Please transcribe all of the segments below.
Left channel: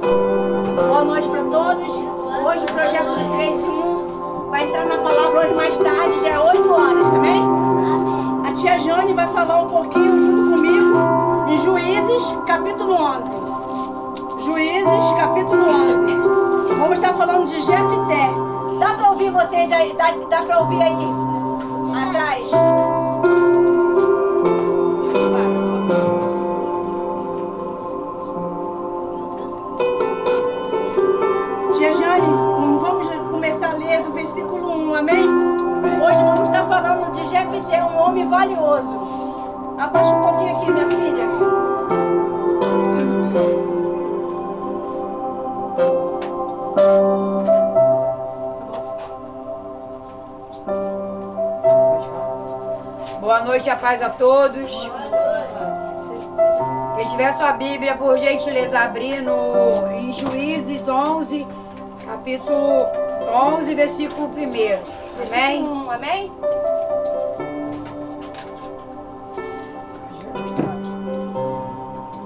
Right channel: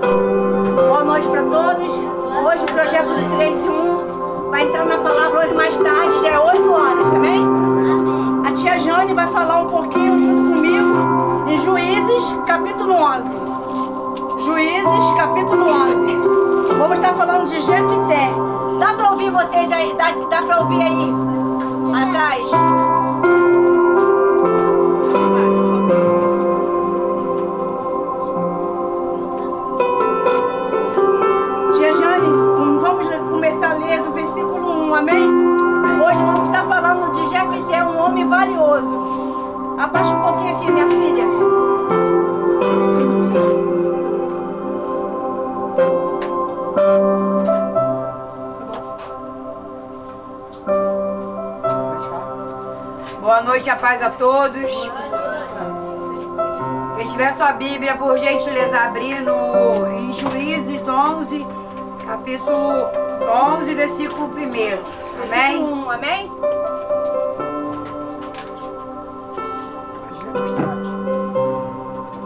Boa noite para todos. Hoje o projeto do 3 em 1 vai entrar na palavra hoje mais tarde, já é 8 horas, também? A tia Jane vai falar um pouquinho junto comigo em Juízes, capítulo 11. Juízes, capítulo 11. Vamos estar falando de Jefté. Dá para ouvir vocês aí? Dá para ouvir aí atrás? Tia Jane, vamos começar a ler do versículo 1, amém? Hoje vamos estar falando de Jefté, um homem valioso. Abaixa um pouquinho aqui, minha filha. Boa noite, a paz a todos. Quem tiver sua Bíblia, por gentileza, abrir em Juízes 11, capítulo 11, versículo 1. Amém? Versículo 1, amém?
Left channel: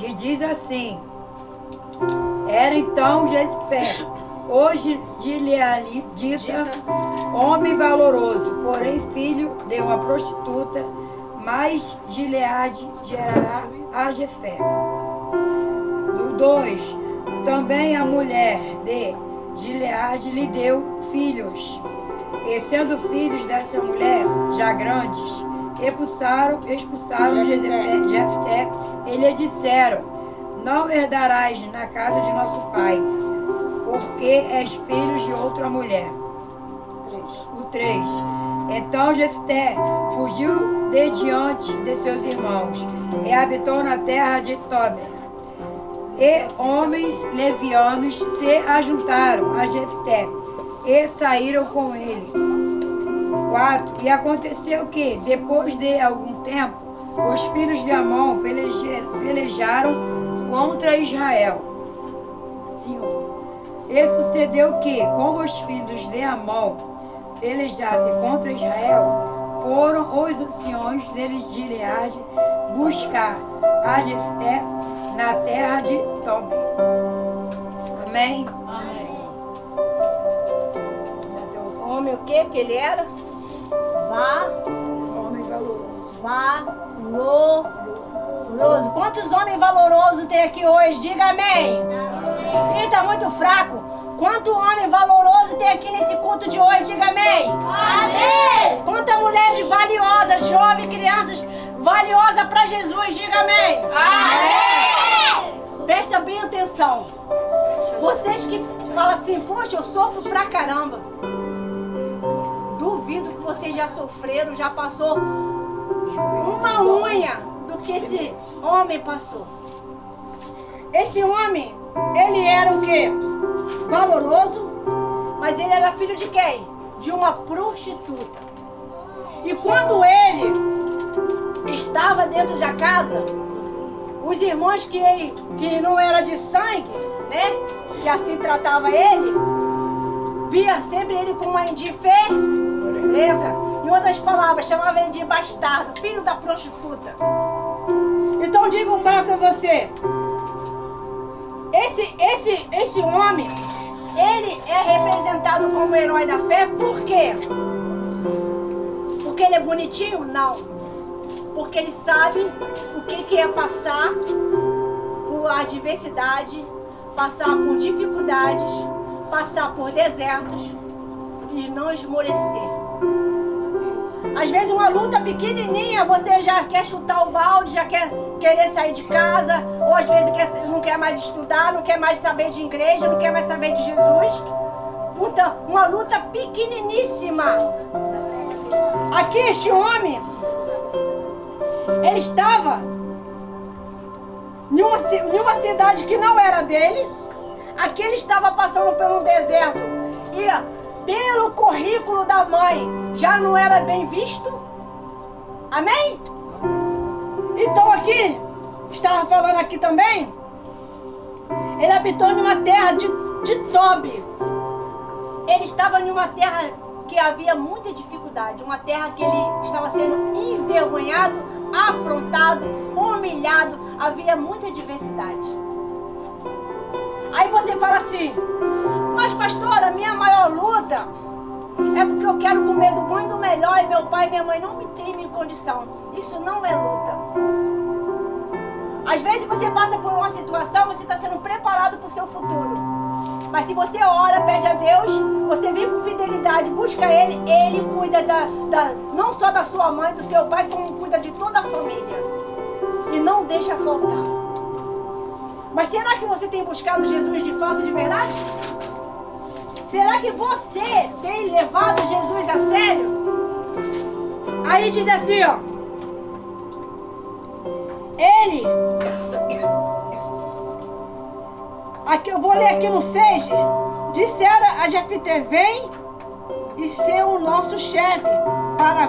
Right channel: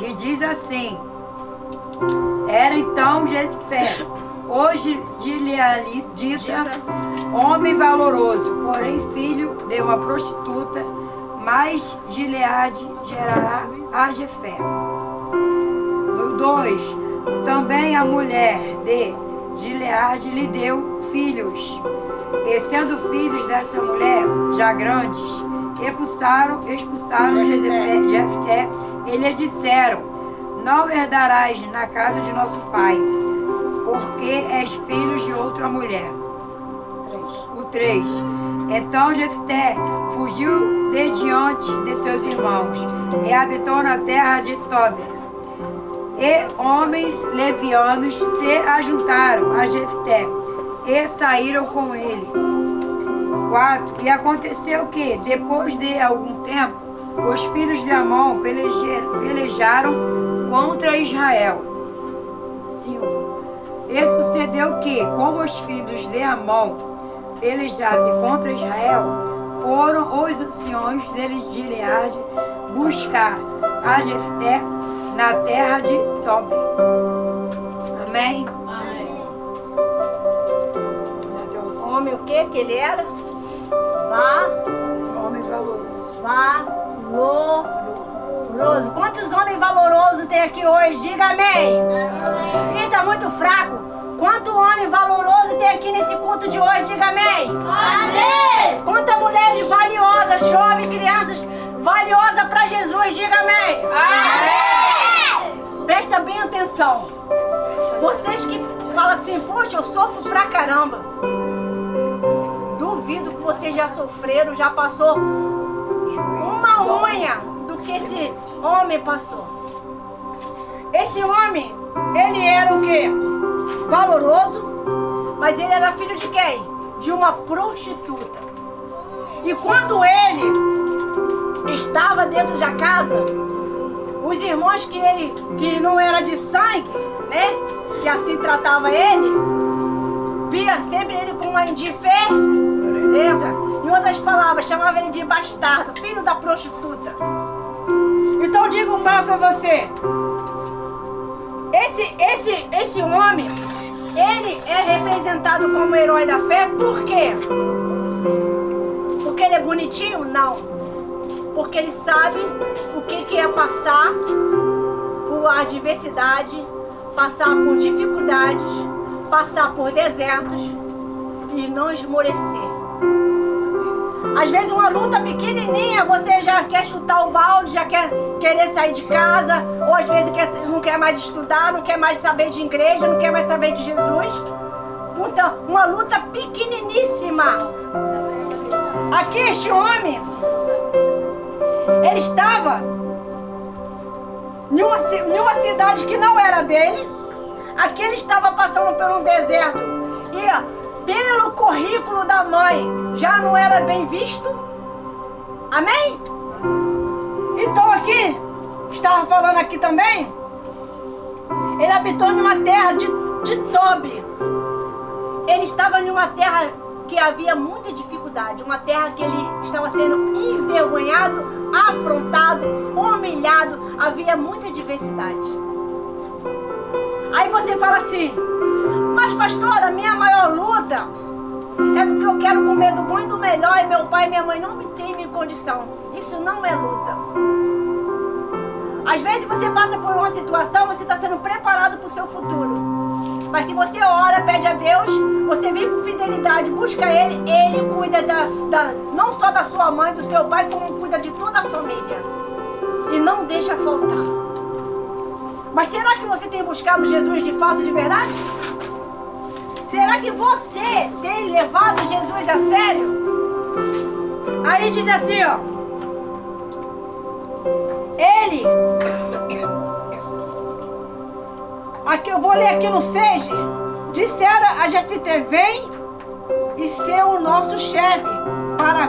E diz assim: era então Jefté, hoje de Gileadita, homem valoroso, porém filho de uma prostituta, mas Gileade gerará a Jefté. 2. Também a mulher de Gileade lhe deu filhos, e sendo filhos dessa mulher já grandes, expulsaram Jefté e lhe disseram: não herdarás na casa de nosso pai, porque és filho de outra mulher. 3. Então Jefté fugiu de diante de seus irmãos e habitou na terra de Tobi. E homens levianos se ajuntaram a Jefté e saíram com ele. 4. E aconteceu que, depois de algum tempo, os filhos de Amon pelejaram contra Israel. 5. E sucedeu que, como os filhos de Amon pelejassem contra Israel, foram os anciões deles de Gileade buscar a Jefté na terra de Tobi. Amém? Homem o quê que ele era? Homem valoroso. Valoroso. Quantos homens valorosos tem aqui hoje? Diga amém. Ih, tá muito fraco. Quanto homem valoroso tem aqui nesse culto de hoje? Diga amém. Amém. Quantas mulheres valiosas, jovens, crianças valiosas para Jesus? Diga amém. Amém. Presta bem atenção. Vocês que falam assim, poxa, eu sofro pra caramba. Duvido que vocês já sofreram, já passou uma unha do que esse homem passou. Esse homem, ele era o quê? Valoroso, mas ele era filho de quem? De uma prostituta. E quando ele estava dentro da casa, os irmãos que não era de sangue, né? Que assim tratava ele, via sempre ele com uma indiferença. Em outras palavras, chamava ele de bastardo, filho da prostituta. Então digo mais para você. Esse homem, ele é representado como herói da fé, por quê? Porque ele é bonitinho? Não. Porque ele sabe o que é passar por adversidade, passar por dificuldades, passar por desertos e não esmorecer. Às vezes uma luta pequenininha, você já quer chutar o balde, já quer querer sair de casa, ou às vezes não quer mais estudar, não quer mais saber de igreja, não quer mais saber de Jesus. Então, uma luta pequeniníssima. Aqui este homem, ele estava em uma cidade que não era dele. Aqui ele estava passando pelo deserto e pelo currículo da mãe já não era bem visto. Amém? Então aqui, estava falando aqui também, ele habitou em uma terra de Tobi. Ele estava em uma terra que havia muita dificuldade, uma terra que ele estava sendo envergonhado, afrontado, humilhado, havia muita diversidade. Aí você fala assim, mas pastora, a minha maior luta é porque eu quero comer do bom e do melhor e meu pai e minha mãe não me têm em condição. Isso não é luta. Às vezes você passa por uma situação, você está sendo preparado para o seu futuro. Mas se você ora, pede a Deus, você vem com fidelidade, busca Ele, Ele cuida não só da sua mãe, do seu pai, como cuida de toda a família. E não deixa faltar. Mas será que você tem buscado Jesus de fato, de verdade? Será que você tem levado Jesus a sério? Aí diz assim, ó. Ele... Aqui eu vou ler aqui no 6. Disseram a Jefté, vem e ser o nosso chefe para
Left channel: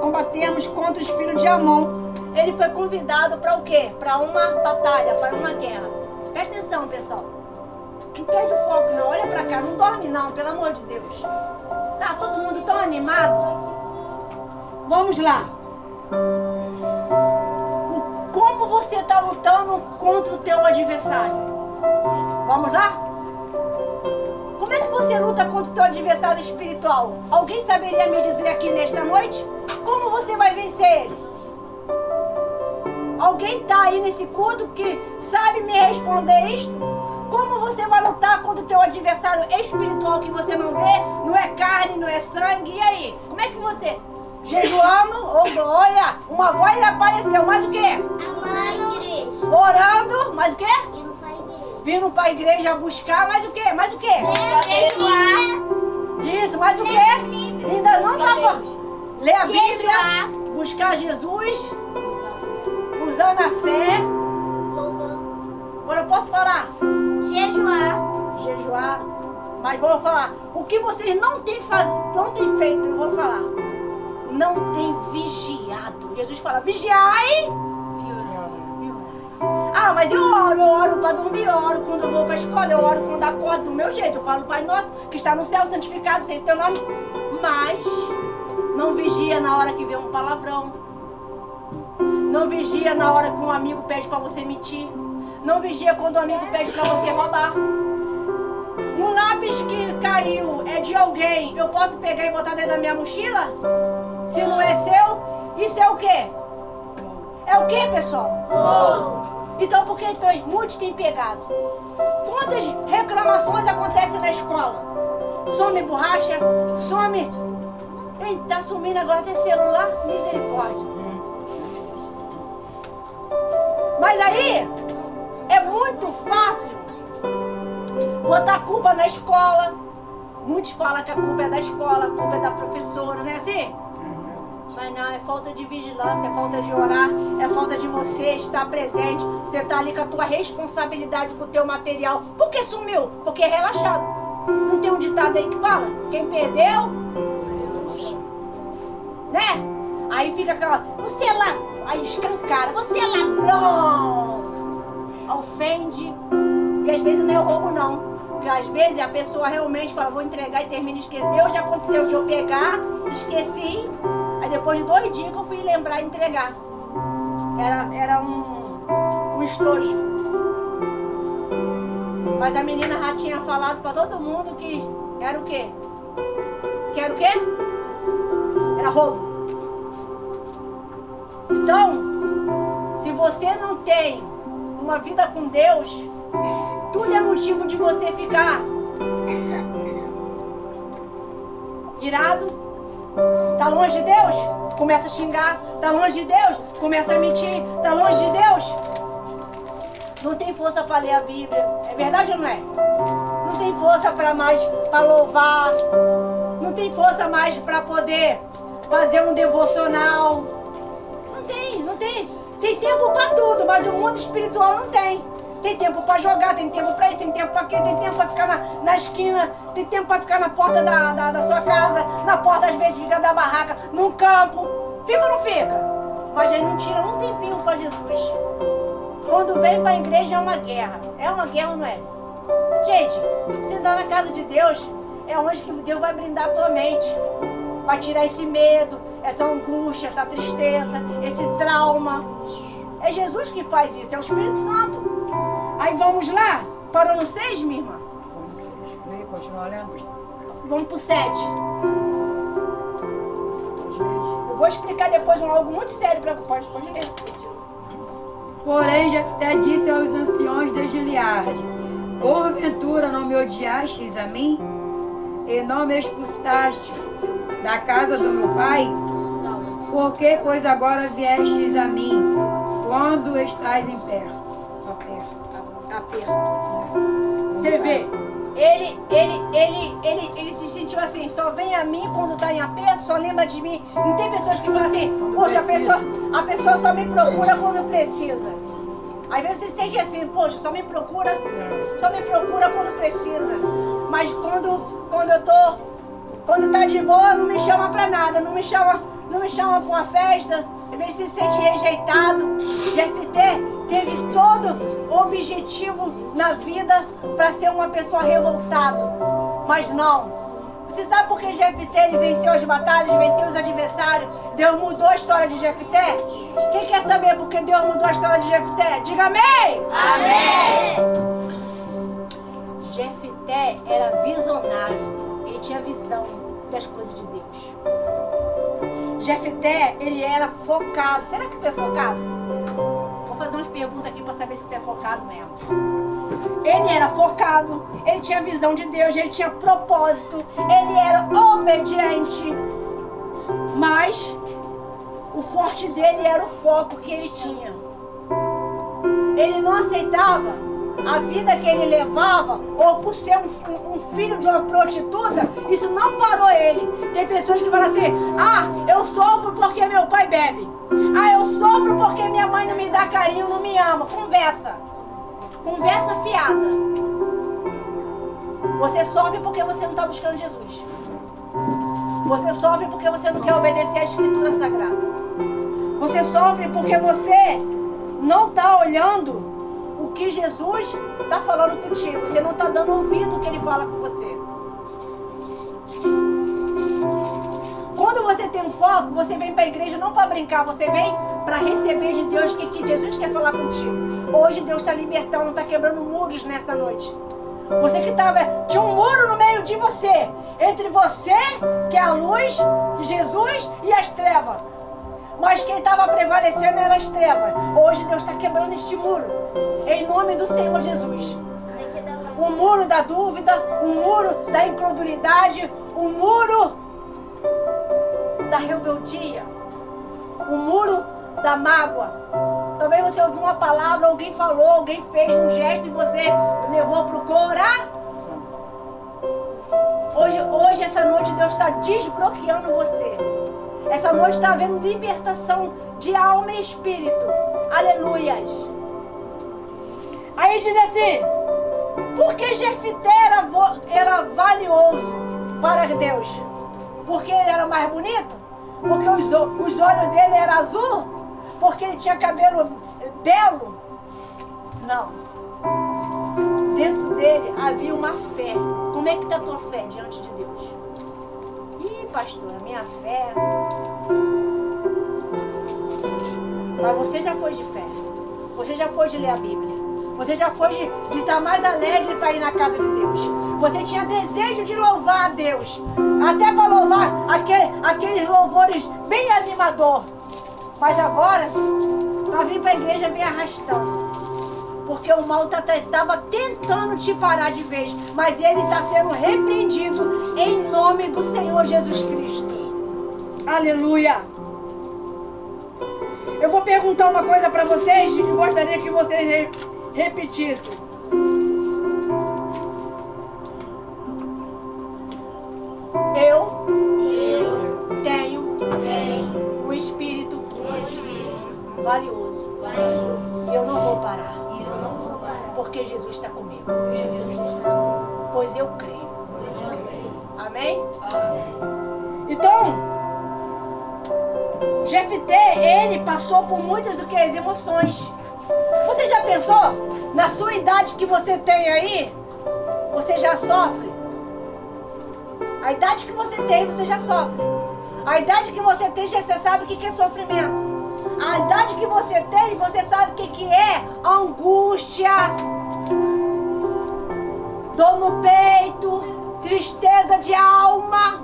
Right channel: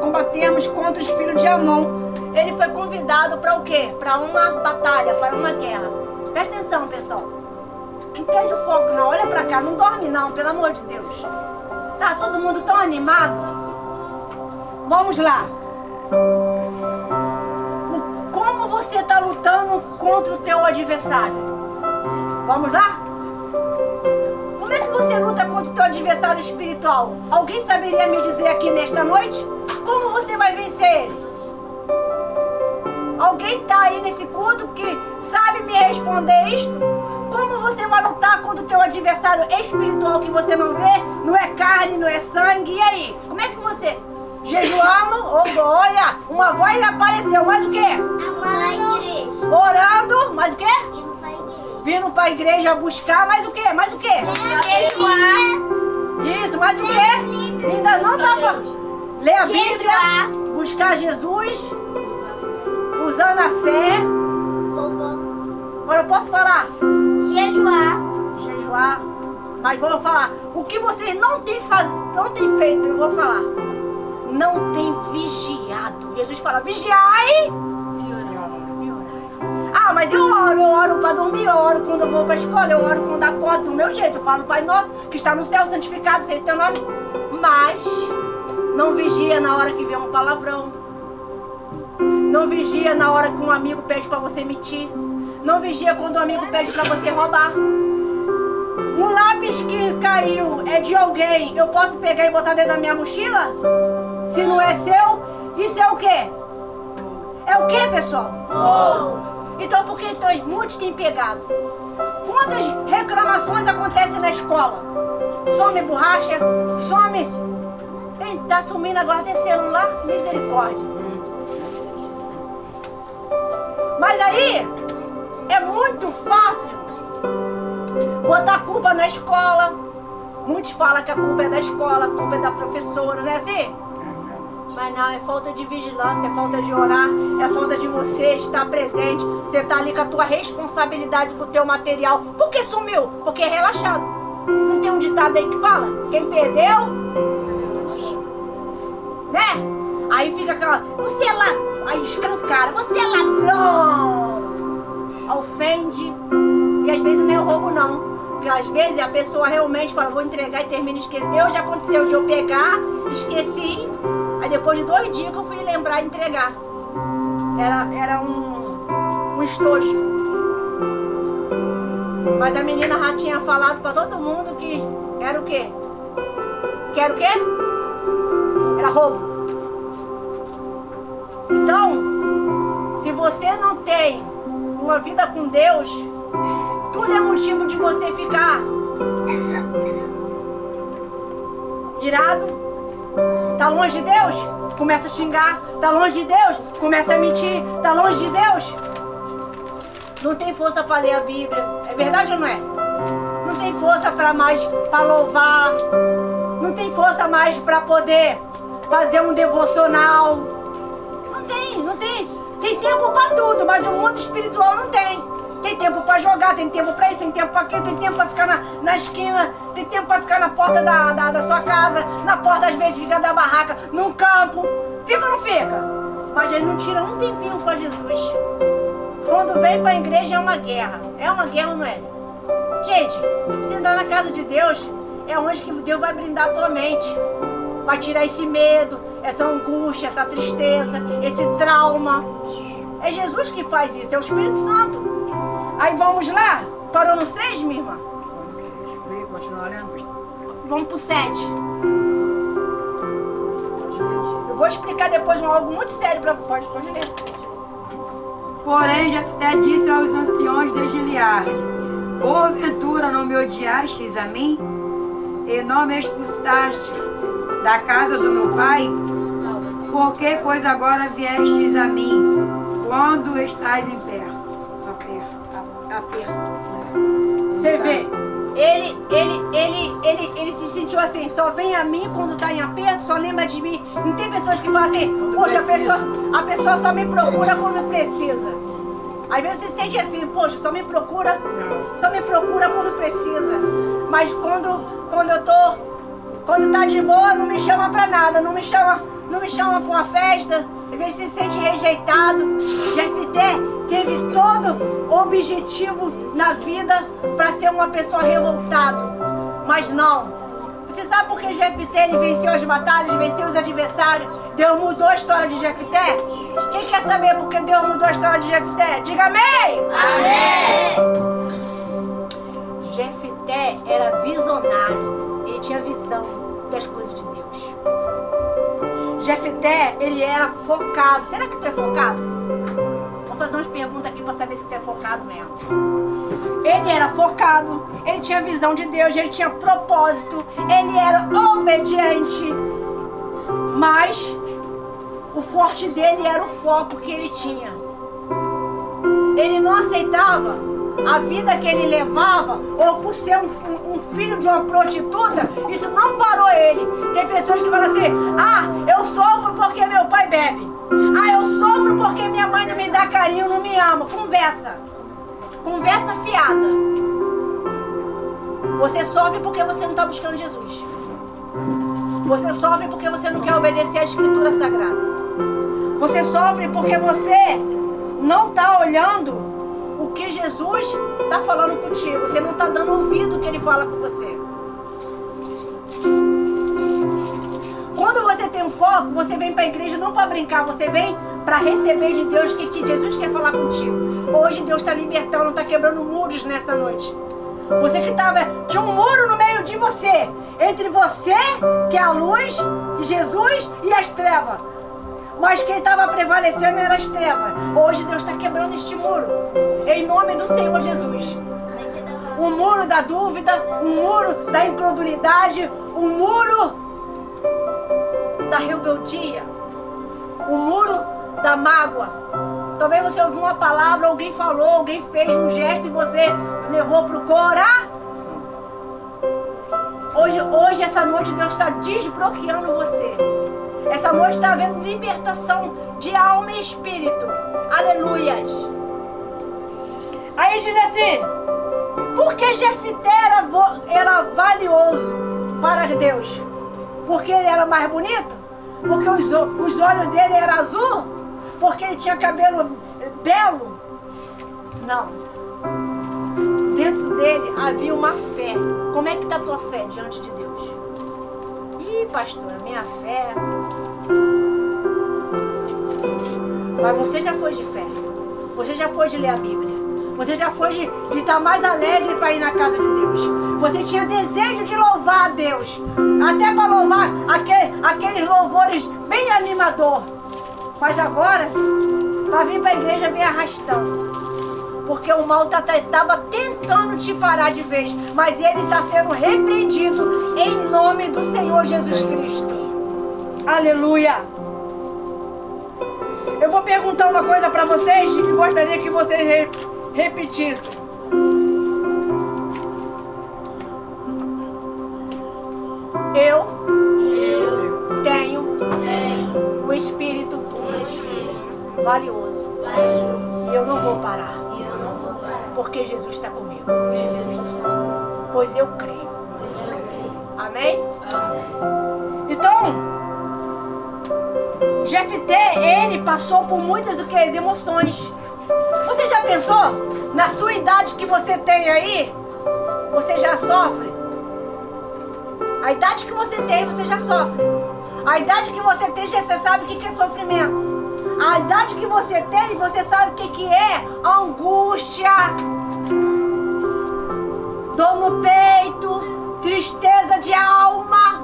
combatermos contra os filhos de Amon. Ele foi convidado para o quê? Para uma batalha, para uma guerra. Presta atenção, pessoal. Não perde o foco não, olha pra cá, não dorme não, pelo amor de Deus. Tá todo mundo tão animado? Vamos lá. Como você está lutando contra o teu adversário? Vamos lá? Como é que você luta contra o teu adversário espiritual? Alguém saberia me dizer aqui nesta noite? Como você vai vencer ele? Alguém está aí nesse culto que sabe me responder isto? Como você vai lutar contra o teu adversário espiritual que você não vê? Não é carne, não é sangue. E aí? Como é que você... Jejuando, olha, uma voz apareceu. Mais o quê? Igreja. Orando, mais o quê? Indo pra igreja. Vindo para a igreja buscar, mais o quê? Mais o quê? Jejuar. Isso, mais o quê? Ainda não estava. Ler a Bíblia, buscar Jesus, usando a fé. Louvor. Agora eu posso falar? Jejuar. Jejuar. Mas vou falar. O que vocês não têm feito, eu vou falar. Não tem vigiado. Jesus fala, vigiai e orai. Ah, mas eu oro para dormir, eu oro quando eu vou para a escola, eu oro quando acordo do meu jeito. Eu falo, Pai nosso, que está no céu, santificado seja o teu nome. Mas não vigia na hora que vem um palavrão. Não vigia na hora que um amigo pede para você mentir. Não vigia quando um amigo pede para você roubar. Um lápis que caiu é de alguém, eu posso pegar e botar dentro da minha mochila? Se não é seu, isso é o quê? É o quê, pessoal? Então por que então, muitos têm pegado? Quantas reclamações acontecem na escola? Some borracha, some... Tá sumindo agora até celular, misericórdia. Mas aí, é muito fácil botar a culpa na escola. Muitos falam que a culpa é da escola, a culpa é da professora, não é assim? Mas não, é falta de vigilância, é falta de orar, é falta de você estar presente. Você está ali com a tua responsabilidade, com o teu material. Por que sumiu? Porque é relaxado. Não tem um ditado aí que fala? Quem perdeu? Né? Aí fica aquela... Você é ladrão. Aí escancara. Você é ladrão. Ofende. E às vezes não é o roubo não. Porque às vezes a pessoa realmente fala, vou entregar e termina esquecendo. Eu já aconteceu de eu pegar, esqueci. Aí depois de 2 dias que eu fui lembrar e entregar. Era um estojo. Mas a menina já tinha falado pra todo mundo que era o quê? Que era o quê? Era roubo. Então, se você não tem uma vida com Deus, tudo é motivo de você ficar irado. Tá longe de Deus? Começa a xingar. Tá longe de Deus? Começa a mentir. Tá longe de Deus? Não tem força para ler a Bíblia. É verdade ou não é? Não tem força para louvar. Não tem força mais para poder fazer um devocional. Não tem. Tem tempo para tudo, mas o mundo espiritual não tem. Tem tempo para jogar, tem tempo para isso, tem tempo para aquilo, tem tempo para ficar na esquina, tem tempo para ficar na porta da sua casa, na porta às vezes fica da barraca, no campo. Fica ou não fica? Mas ele não tira um tempinho para Jesus. Quando vem para a igreja é uma guerra. É uma guerra ou não é? Gente, você andar na casa de Deus é onde que Deus vai brindar a tua mente. Vai tirar esse medo, essa angústia, essa tristeza, esse trauma. É Jesus que faz isso, é o Espírito Santo. Aí vamos lá. Parou no 6, minha irmã? Leia, continua lendo, pastor. Vamos pro 7. Eu vou explicar depois algo muito sério para você. Pode ler. Porém, Jefté disse aos anciões de Gileade: porventura não me odiastes a mim? E não me expulsaste da casa do meu pai? Por que, pois, agora viestes a mim, quando estás em Aperto. Você vê, ele se sentiu assim, só vem a mim quando tá em aperto, só lembra de mim. Não tem pessoas que falam assim, poxa, a pessoa só me procura quando precisa. Às vezes você se sente assim, poxa, só me procura quando precisa. Mas quando tá de boa, não me chama pra nada, não me chama pra uma festa. Às vezes se sente rejeitado. Jefté teve todo o objetivo na vida para ser uma pessoa revoltada. Mas não. Você sabe por que Jefté ele venceu as batalhas, venceu os adversários? Deus mudou a história de Jefté? Quem quer saber por que Deus mudou a história de Jefté? Diga amém! Amém! Jefté era visionário. Ele tinha visão das coisas de Deus. Jefté, ele era focado. Será que tu é focado? Vou fazer umas perguntas aqui para saber se tu é focado mesmo. Ele era focado, ele tinha visão de Deus, ele tinha propósito, ele era obediente. Mas o forte dele era o foco que ele tinha. Ele não aceitava a vida que ele levava, ou por ser um filho de uma prostituta, isso não parou ele. Tem pessoas que falam assim, eu sofro porque meu pai bebe. Eu sofro porque minha mãe não me dá carinho, não me ama. Conversa fiada. Você sofre porque você não está buscando Jesus. Você sofre porque você não quer obedecer à Escritura Sagrada. Você sofre porque você não está olhando o que Jesus está falando contigo. Você não está dando ouvido ao que Ele fala com você. Quando você tem um foco, você vem para a igreja não para brincar. Você vem para receber de Deus o que Jesus quer falar contigo. Hoje Deus está libertando, está quebrando muros nesta noite. Você que tinha um muro no meio de você. Entre você, que é a luz, Jesus e as trevas. Mas quem estava prevalecendo era as trevas. Hoje Deus está quebrando este muro. Em nome do Senhor Jesus. O muro da dúvida, o muro da incredulidade, o muro da rebeldia, o muro da mágoa. Talvez você ouviu uma palavra, alguém falou, alguém fez um gesto e você levou para o coração. Hoje, essa noite, Deus está desbloqueando você. Essa noite está havendo libertação de alma e espírito. Aleluias. Aí diz assim, por que Jefté era valioso para Deus? Porque ele era mais bonito? Porque os olhos dele eram azul? Porque ele tinha cabelo belo? Não. Dentro dele havia uma fé. Como é que está a tua fé diante de Deus? Pastora, minha fé. Mas você já foi de fé. Você já foi de ler a Bíblia. Você já foi de estar mais alegre para ir na casa de Deus. Você tinha desejo de louvar a Deus. Até para louvar aqueles louvores bem animador. Mas agora, para vir para a igreja, vem arrastando. Porque o mal estava tentando te parar de vez. Mas ele está sendo repreendido em nome do Senhor Jesus Cristo. Aleluia. Eu vou perguntar uma coisa para vocês e gostaria que vocês repetissem. Eu tenho um espírito valioso. E eu não vou parar. Porque Jesus está comigo. Pois eu creio. Amém? Então, Jefté, ele passou por muitas emoções. Você já pensou? Na sua idade que você tem aí, você já sofre? A idade que você tem, você já sofre. A idade que você tem, você sabe o que é sofrimento. A idade que você tem, você sabe o que é angústia. dor no peito, tristeza de alma.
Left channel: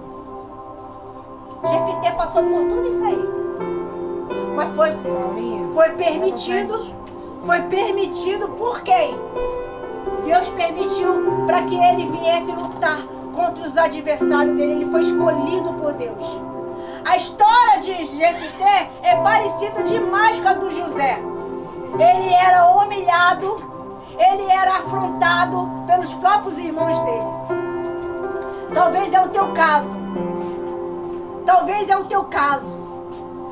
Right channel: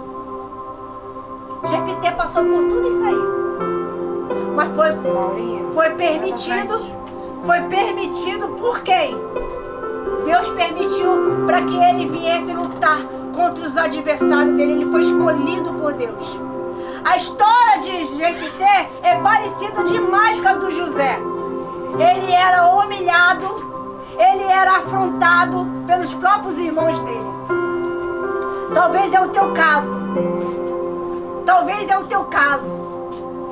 Jefité passou por tudo isso aí. Mas foi permitido por quem? Deus permitiu para que ele viesse lutar contra os adversários dele. Ele foi escolhido por Deus. A história de Jefité é parecida demais com a do José. Ele era humilhado, ele era afrontado pelos próprios irmãos dele. Talvez é o teu caso. Talvez é o teu caso.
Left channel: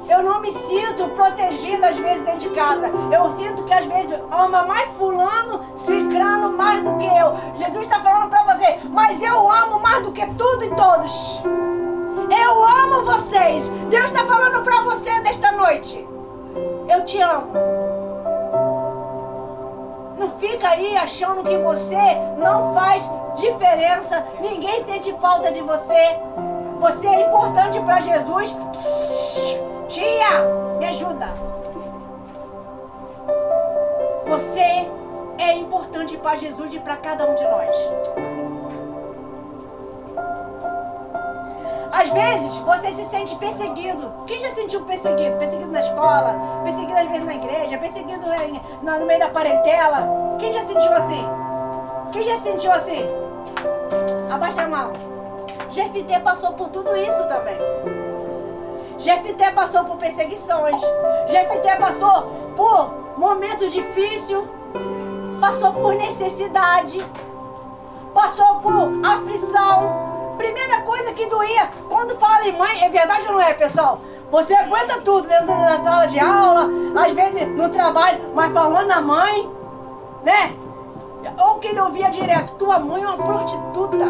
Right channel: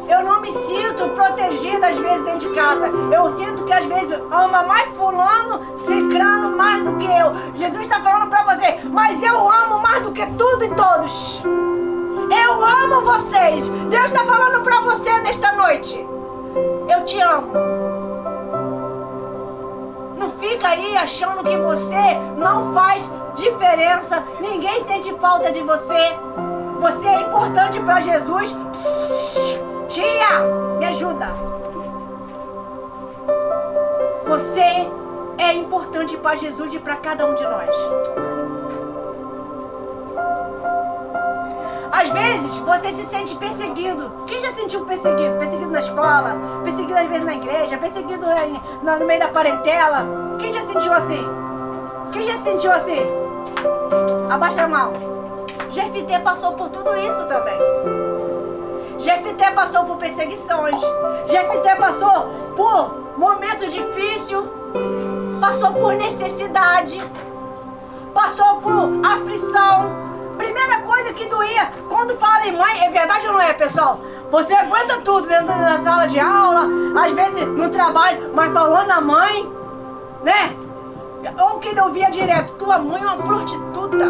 Eu não me sinto protegida às vezes dentro de casa. Eu sinto que às vezes ama mais fulano, cicrano mais do que eu. Jesus está falando para você, mas eu amo mais do que tudo e todos. Eu amo vocês. Deus está falando para você desta noite. Eu te amo. Não fica aí achando que você não faz diferença. Ninguém sente falta de você. Você é importante para Jesus. Psss, tia, me ajuda. Você é importante para Jesus e para cada um de nós. Às vezes você se sente perseguido. Quem já sentiu perseguido? Perseguido na escola, perseguido às vezes na igreja, perseguido no meio da parentela. Quem já sentiu assim? Quem já sentiu assim? Abaixa a mão. Jefité passou por tudo isso também. Jefité passou por perseguições. Jefité passou por momentos difíceis. Passou por necessidade. Passou por aflição. Primeira coisa que doía, quando fala em mãe, é verdade ou não é, pessoal? Você aguenta tudo dentro da sala de aula, às vezes no trabalho, mas falando na mãe, né? Ou que ele ouvia direto, tua mãe é uma prostituta.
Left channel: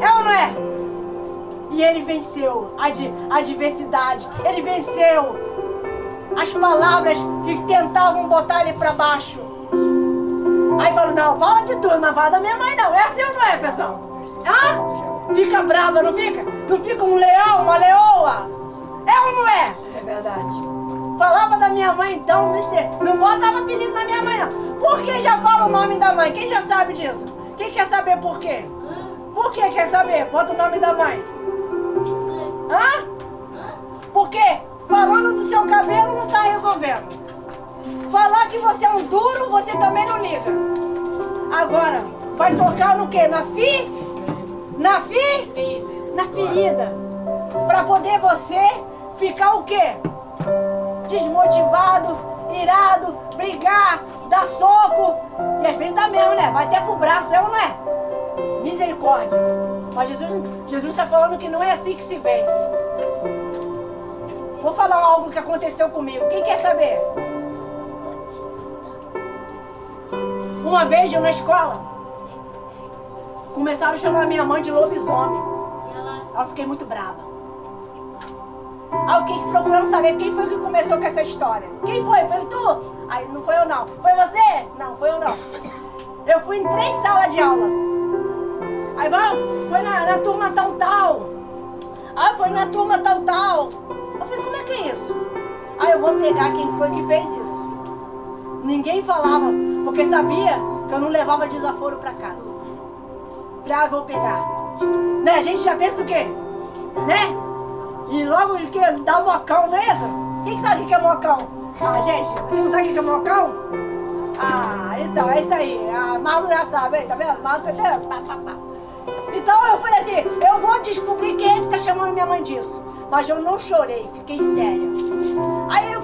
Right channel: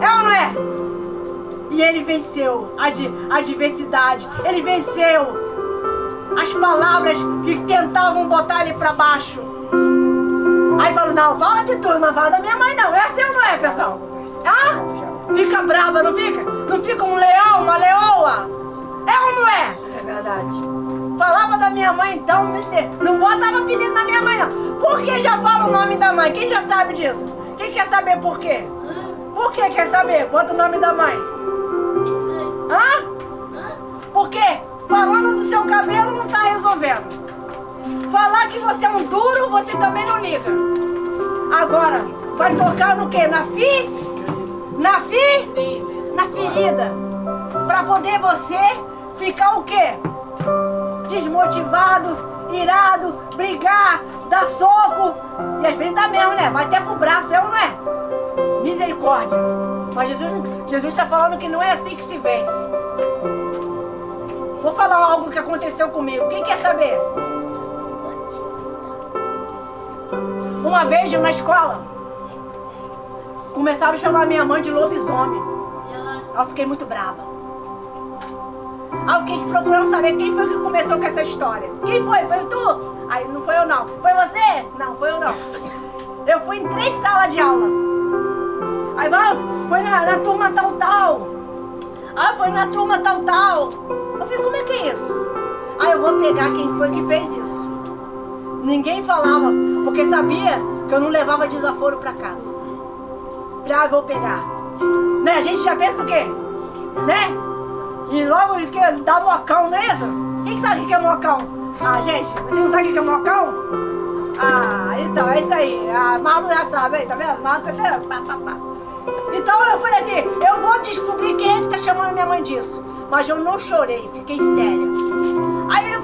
É ou não é? E ele venceu a adversidade, ele venceu as palavras que tentavam botar ele para baixo. Aí falou, não, fala de tudo, não fala da minha mãe não. É assim ou não é, pessoal? Ah? Fica brava, não fica? Não fica um leão, uma leoa? É ou não é? É verdade. Falava da minha mãe então, não botava apelido na minha mãe não. Por que já fala o nome da mãe? Quem já sabe disso? Quem quer saber por quê? Por que quer saber? Bota o nome da mãe. Hã? Porque falando do seu cabelo não tá resolvendo. Falar que você é um duro, você também não liga. Agora, vai tocar no quê? Na ferida. Pra poder você ficar o quê? Desmotivado, irado, brigar, dar soco. E às vezes dá mesmo, né? Vai até pro braço, é ou não é? Misericórdia. Mas Jesus está falando que não é assim que se vence. Vou falar algo que aconteceu comigo. Quem quer saber? Uma vez eu na escola, começaram a chamar minha mãe de lobisomem. Aí eu fiquei muito brava. Aí eu fiquei procurando saber quem foi que começou com essa história. Quem foi? Foi tu? Aí não foi eu não. Foi você? Não, foi eu não. Eu fui em 3 salas de aula. Aí foi na turma tal. Aí foi na turma tal. Eu falei, como é que é isso? Aí eu vou pegar quem foi que fez isso. Ninguém falava, porque sabia que eu não levava desaforo pra casa. Falei, eu vou pegar. Né? A gente já pensa o quê? Né? E logo que dá mocão, não é isso? Quem sabe o que é mocão? Ah, gente, vocês não sabem o que é mocão? Ah, então, é isso aí. A Malu já sabe, tá vendo? Malu tá vendo? Então eu falei assim, eu vou descobrir quem é que tá chamando minha mãe disso. Mas eu não chorei, fiquei séria. Aí eu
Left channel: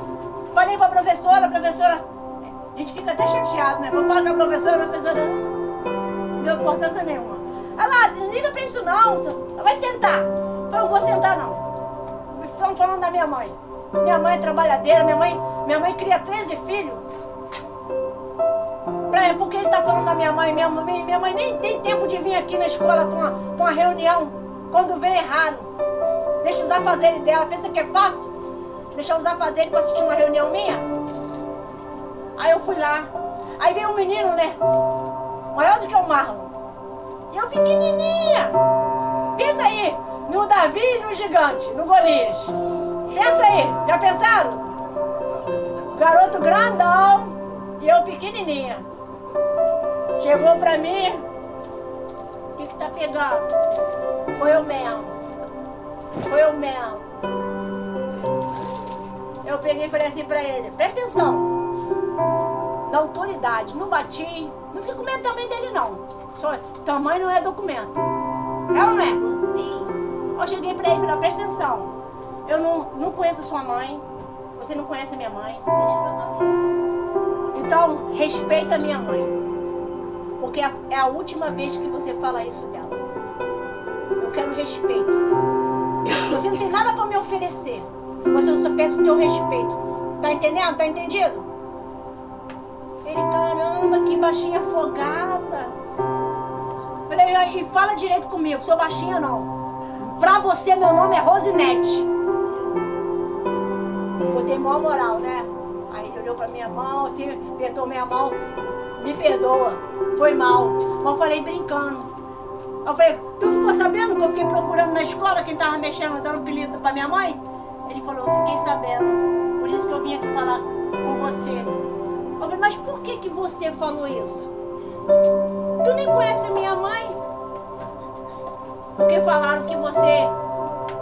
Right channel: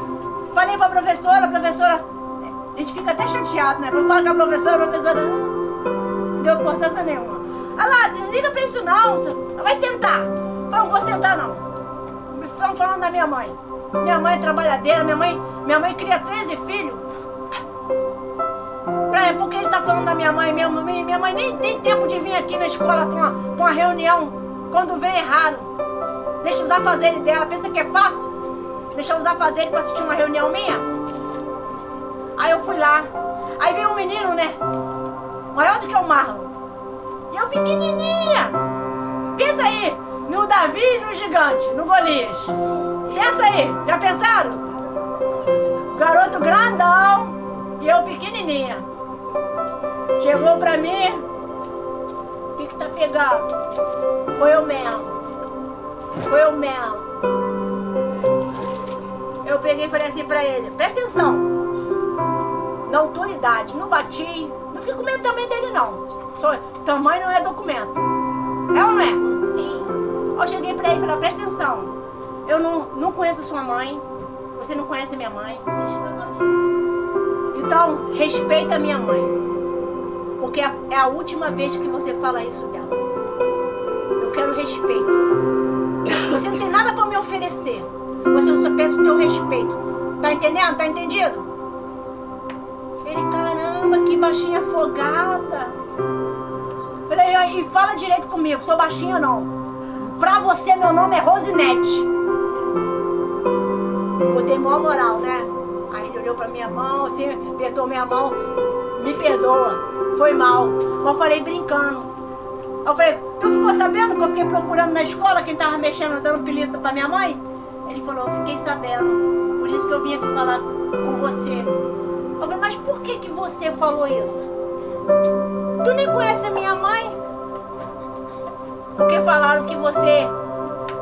falei pra professora, a gente fica até chateado, né? Eu falo com a professora não deu importância nenhuma. Ah lá, não liga pra isso não, vai sentar. Eu falei, não vou sentar não. Estão falando da minha mãe. Minha mãe é trabalhadeira, minha mãe cria 13 filhos. Porque ele tá falando da minha mãe. Minha mãe nem tem tempo de vir aqui na escola pra uma reunião. Quando vem é raro. Deixa os afazeres dela. Pensa que é fácil? Deixar os afazeres pra assistir uma reunião minha? Aí eu fui lá. Aí veio um menino, né? Maior do que o Marlon. E eu pequenininha. Pensa aí. No Davi e no gigante. No Golias. Pensa aí. Já pensaram? Garoto grandão. E eu pequenininha. Chegou pra mim, o que tá pegando? Foi eu mesmo. Foi eu mesmo. Eu peguei e falei assim pra ele, presta atenção. Na autoridade, não bati, não fiquei com medo também dele não. Só, tamanho não é documento. É ou não é? Sim. Eu cheguei pra ele e falei, presta atenção. Eu não conheço a sua mãe, você não conhece a minha mãe. Então, respeita a minha mãe. Porque é a última vez que você fala isso dela. Eu quero respeito. Você não tem nada pra me oferecer. Você só peça o teu respeito. Tá entendendo? Tá entendido? Ele, caramba, que baixinha afogada. Falei, e fala direito comigo, sou baixinha não. Pra você, meu nome é Rosinete. Botei maior moral, né? Aí ele olhou pra minha mão, assim, apertou minha mão. Me perdoa, foi mal. Mas eu falei brincando. Eu falei, tu ficou sabendo que eu fiquei procurando na escola quem tava mexendo, dando apelido pra minha mãe? Ele falou, eu fiquei sabendo. Por isso que eu vim aqui falar com você. Eu falei, mas por que você falou isso? Tu nem conhece a minha mãe? Porque falaram que você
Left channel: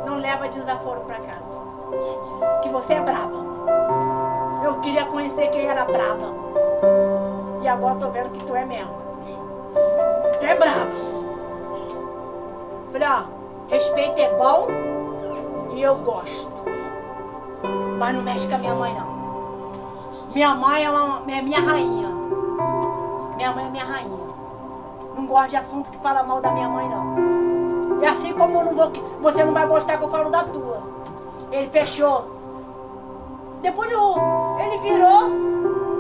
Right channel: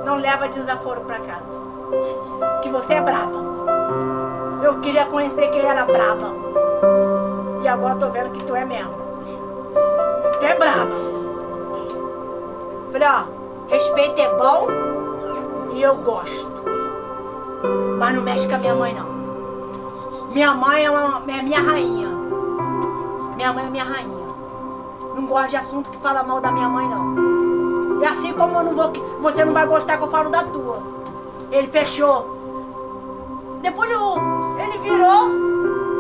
não leva desaforo pra casa. Que você é braba. Eu queria conhecer quem era braba. E agora eu tô vendo que tu é mesmo. Tu é braba. Falei, ó, respeito é bom e eu gosto. Mas não mexe com a minha mãe, não. Minha mãe é minha rainha. Minha mãe é minha rainha. Não gosto de assunto que fala mal da minha mãe, não. E assim como eu não vou, você não vai gostar que eu falo da tua. Ele fechou. Depois ele virou.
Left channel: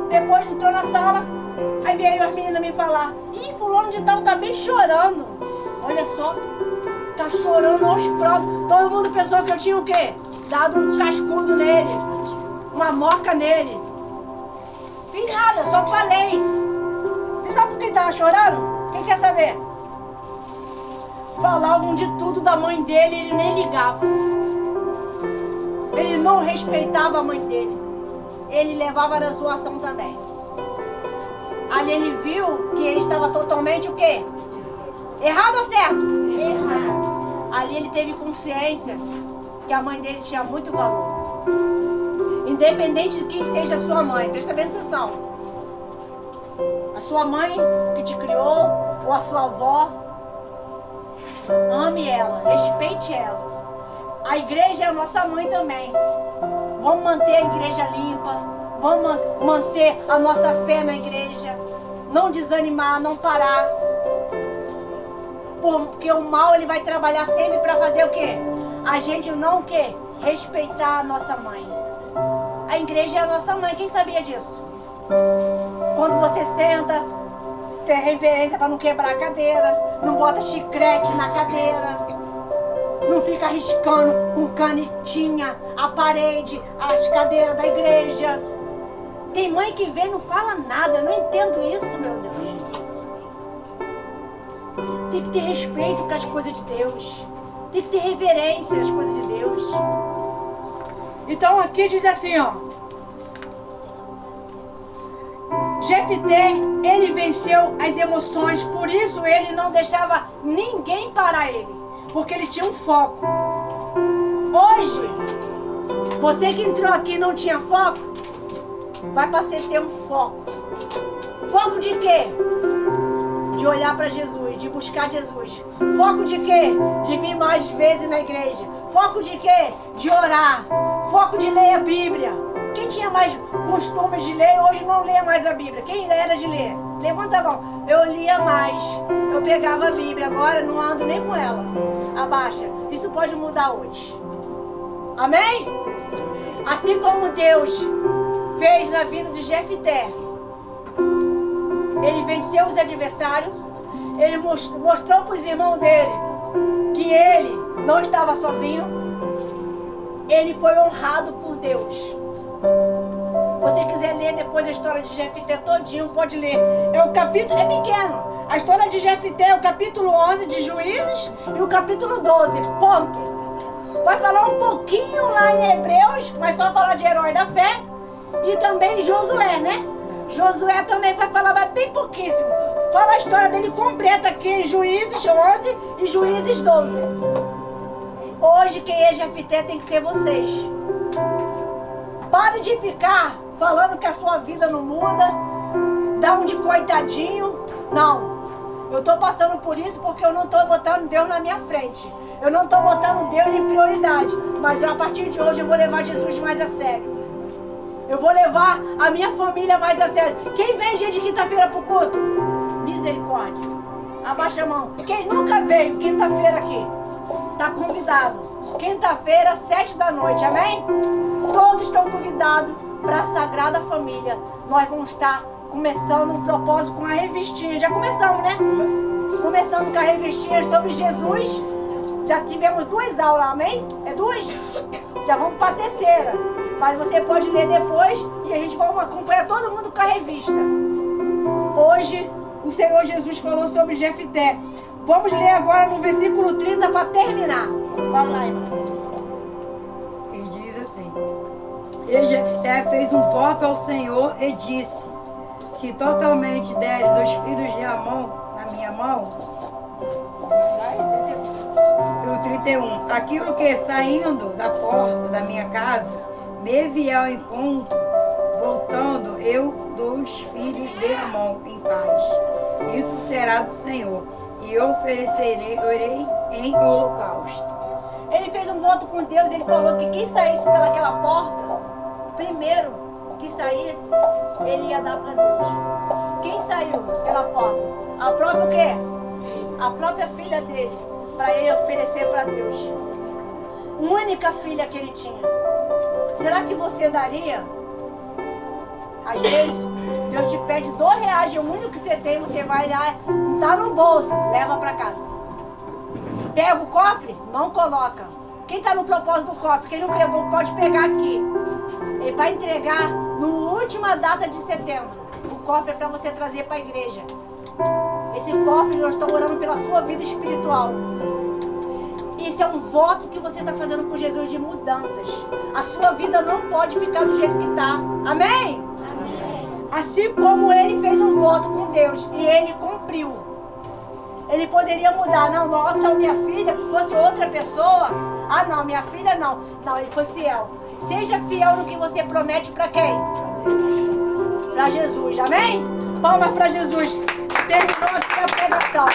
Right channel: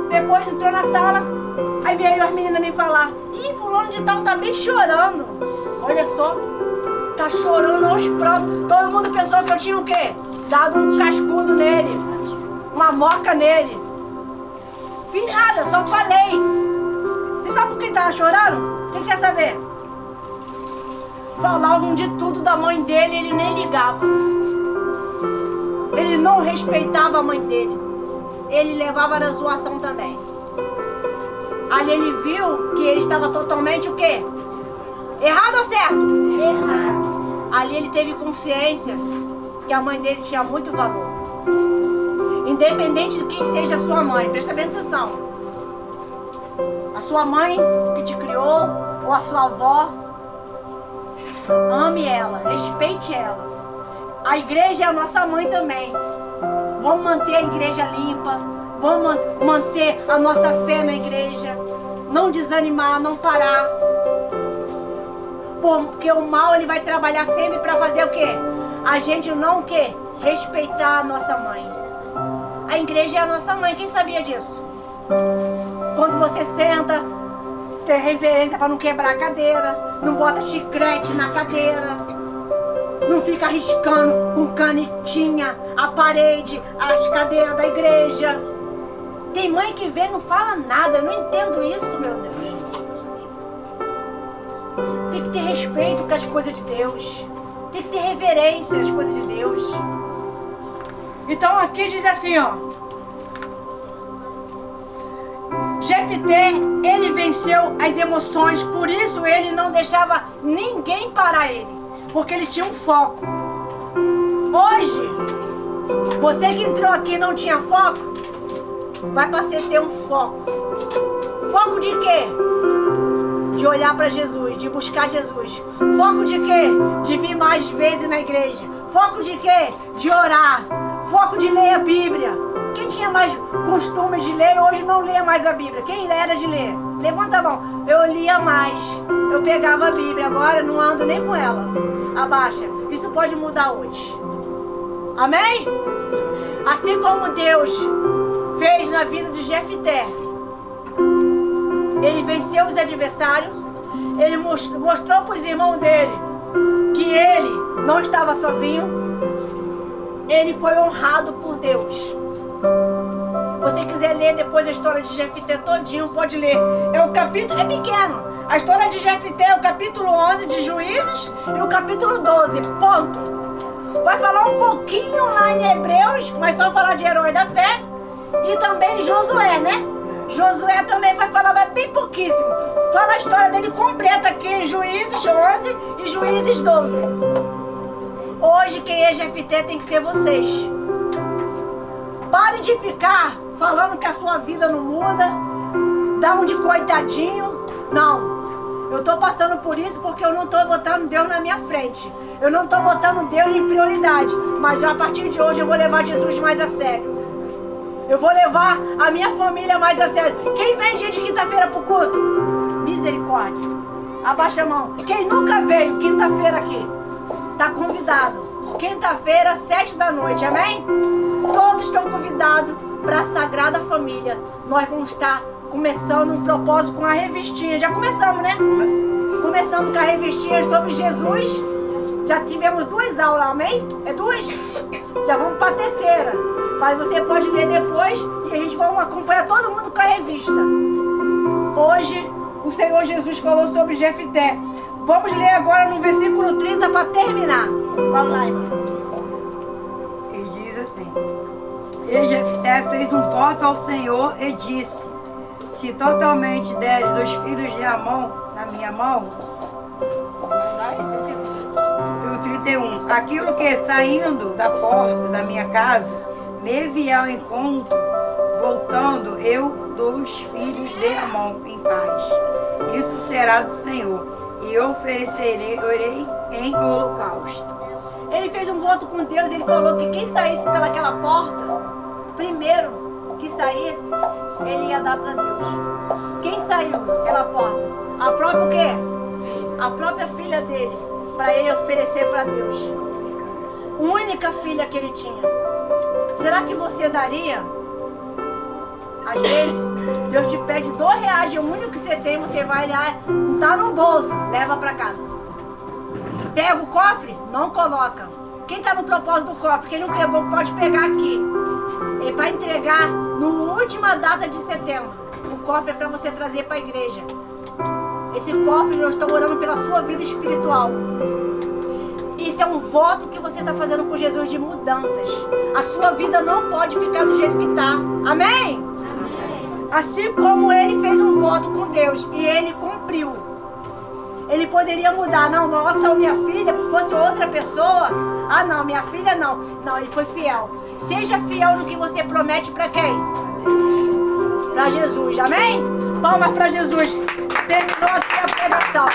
Depois entrou na sala. Aí veio as meninas me falar. Ih, fulano de tal tá bem chorando. Olha só. Tá chorando aos próprios. Todo mundo pensou que eu tinha o quê? Dado um cascudo nele. Uma moca nele. Fiz nada, só falei. E sabe por que ele tava chorando? Quem quer saber? Falavam de tudo da mãe dele, ele nem ligava. Ele não respeitava a mãe dele. Ele levava na zoação também. Ali ele viu que ele estava totalmente o quê? Errado ou certo? Errado. Ali ele teve consciência que a mãe dele tinha muito valor. Independente de quem seja a sua mãe, presta bem atenção. A sua mãe que te criou, ou a sua avó, ame ela, respeite ela. A igreja é a nossa mãe também. Vamos manter a igreja limpa, vamos manter a nossa fé na igreja. Não desanimar, não parar. Porque o mal ele vai trabalhar sempre para fazer o quê? A gente não o quê? Respeitar a nossa mãe. A igreja é a nossa mãe, quem sabia disso? Quando você senta, tem reverência para não quebrar a cadeira, não bota chiclete na cadeira, não fica riscando com canetinha a parede, as cadeiras da igreja. Tem mãe que vem e não fala nada, eu não entendo isso, meu Deus. Tem que ter respeito com as coisas de Deus. Tem que ter reverência às coisas de Deus. Então aqui diz assim, ó. Jefté, ele venceu as emoções, por isso ele não deixava ninguém parar ele. Porque ele tinha um foco. Hoje, você que entrou aqui e não tinha foco, vai passar a ter um foco. Foco de quê? De olhar para Jesus, de buscar Jesus. Foco de quê? De vir mais vezes na igreja. Foco de quê? De orar. Foco de ler a Bíblia. Quem tinha mais costume de ler, hoje não lê mais a Bíblia. Quem era de ler? Levanta a mão. Eu lia mais. Eu pegava a Bíblia. Agora não ando nem com ela. Abaixa. Isso pode mudar hoje. Amém? Assim como Deus fez na vida de Jefté. Ele venceu os adversários. Ele mostrou para os irmãos dele que ele não estava sozinho. Ele foi honrado por Deus. Se você quiser ler depois a história de Jefté todinho, pode ler. É o capítulo, é pequeno. A história de Jefté é o capítulo 11 de Juízes e o capítulo 12. Ponto. Vai falar um pouquinho lá em Hebreus, mas só falar de herói da fé. E também Josué, né? Josué também vai falar, mas bem pouquíssimo. Fala a história dele completa aqui em Juízes 11 e Juízes 12. Hoje quem é Jefté tem que ser vocês. Pare de ficar falando que a sua vida não muda, dá um de coitadinho. Não. Eu estou passando por isso porque eu não estou botando Deus na minha frente. Eu não estou botando Deus em prioridade. Mas a partir de hoje eu vou levar Jesus mais a sério. Eu vou levar a minha família mais a sério. Quem vem dia de quinta-feira pro culto? Misericórdia. Abaixa a mão. Quem nunca veio quinta-feira aqui? Tá convidado. Quinta-feira, 7 da noite, amém? Todos estão convidados para a Sagrada Família. Nós vamos estar começando um propósito com a revistinha. Já começamos, né? Começamos com a revistinha sobre Jesus. Já tivemos 2 aulas, amém? É 2? Já vamos para a terceira. Mas você pode ler depois e a gente vai acompanhar todo mundo com a revista. Hoje, o Senhor Jesus falou sobre Jefté. Vamos ler agora no versículo 30 para terminar. Vamos lá, irmão. E diz assim: E Jefté fez um voto ao Senhor e disse: Se totalmente deres os filhos de Amon na minha mão. E o 31. Aquilo que saindo da porta da minha casa me vier ao encontro, voltando eu dos filhos de Amon em paz. Isso será do Senhor, e eu oferecerei em holocausto. Ele fez um voto com Deus, ele falou que quem saísse pelaquela porta, primeiro que saísse, ele ia dar para Deus. Quem saiu pela porta? A própria o quê? A própria filha dele, para ele oferecer para Deus. Única filha que ele tinha. Será que você daria? Às vezes, Deus te pede R$2, é o único que você tem, você vai lá, não tá no bolso, leva para casa. Pega o cofre, não coloca. Quem está no propósito do cofre, quem não pegou, pode pegar aqui. É para entregar na última data de setembro. O cofre é para você trazer para a igreja. Esse cofre, eu estou orando pela sua vida espiritual. Isso é um voto que você está fazendo com Jesus de mudanças. A sua vida não pode ficar do jeito que está. Amém? Amém? Assim como ele fez um voto com Deus e ele cumpriu. Ele poderia mudar. Não, nossa, minha filha fosse outra pessoa. Ah, não, minha filha não. Não, ele foi fiel. Seja fiel no que você promete para quem? Para Jesus. Amém? Palmas para Jesus. Terminou aqui a pregação.